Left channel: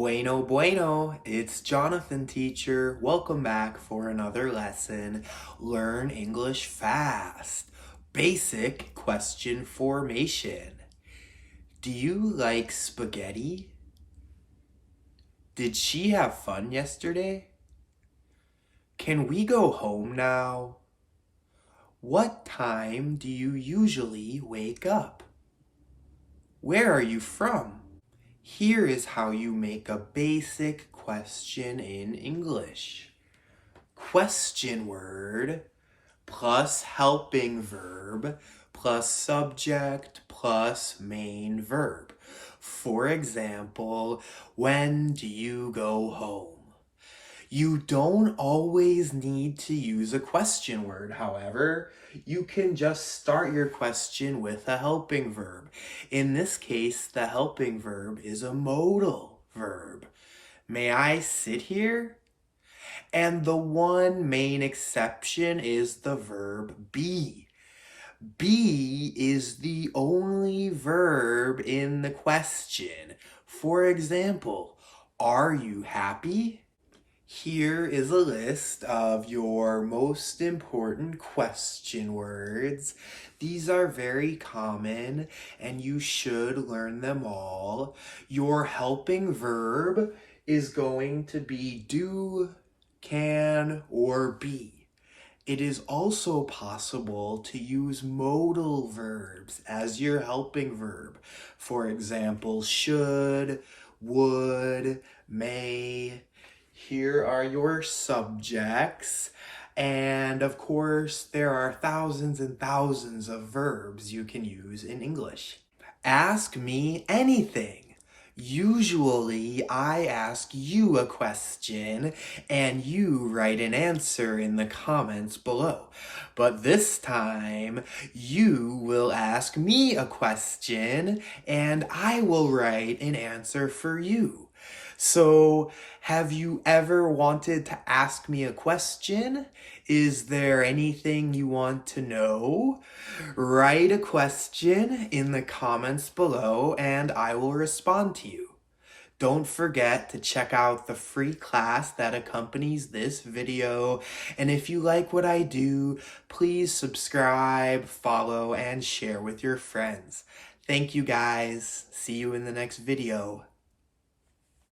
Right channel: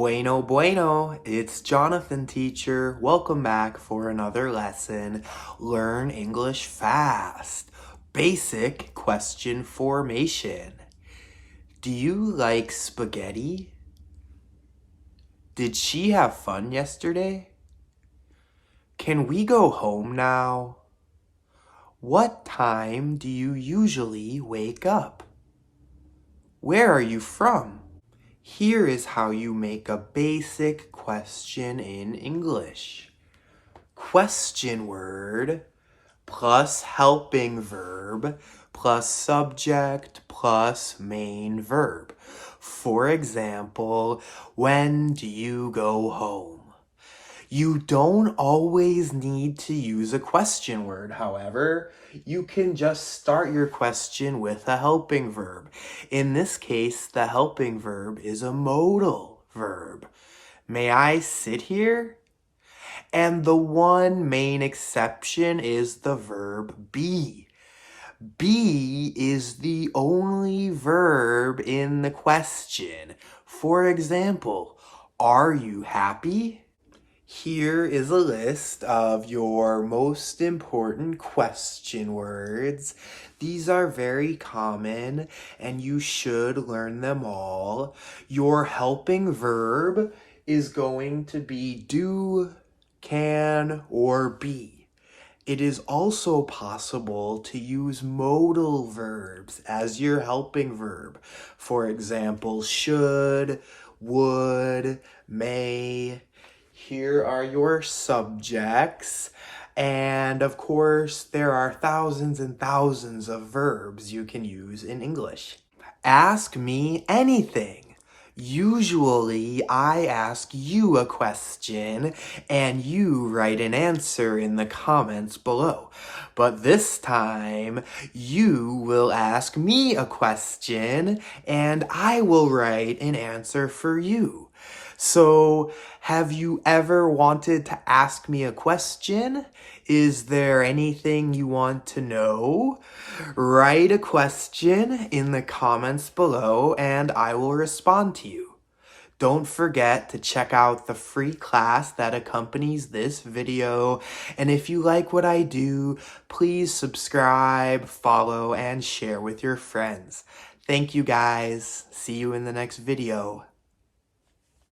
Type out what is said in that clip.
Bueno, bueno, it's Jonathan, teacher. Welcome back for another lesson. Learn English fast. Basic question formation. Do you like spaghetti? Did she have fun yesterday? Can we go home now? What time do you usually wake up? Where are you from? Here is how you make a basic question in English. Question word plus helping verb plus subject plus main verb. For example, when do you go home? You don't always need to use a question word, however. You can just start your question with a helping verb. In this case, the helping verb is a modal verb. May I sit here? And the one main exception is the verb be. Be is the only verb in the question. For example, are you happy? Here is a list of your most important question words. These are very common and you should learn them all. Your helping verb is going to be do, can, or be. It is also possible to use modal verbs as your helping verb. For example, should, would, may. Here are your subjects, and of course, there are thousands and thousands of verbs you can use in English. Ask me anything. Usually, I ask you a question, and you write an answer in the comments below. But this time, you will ask me a question, and I will write an answer for you. So, have you ever wanted to ask me a question? Is there anything you want to know? Write a question in the comments below and I will respond to you. Don't forget to check out the free class that accompanies this video. And if you like what I do, please subscribe, follow, and share with your friends. Thank you guys. See you in the next video.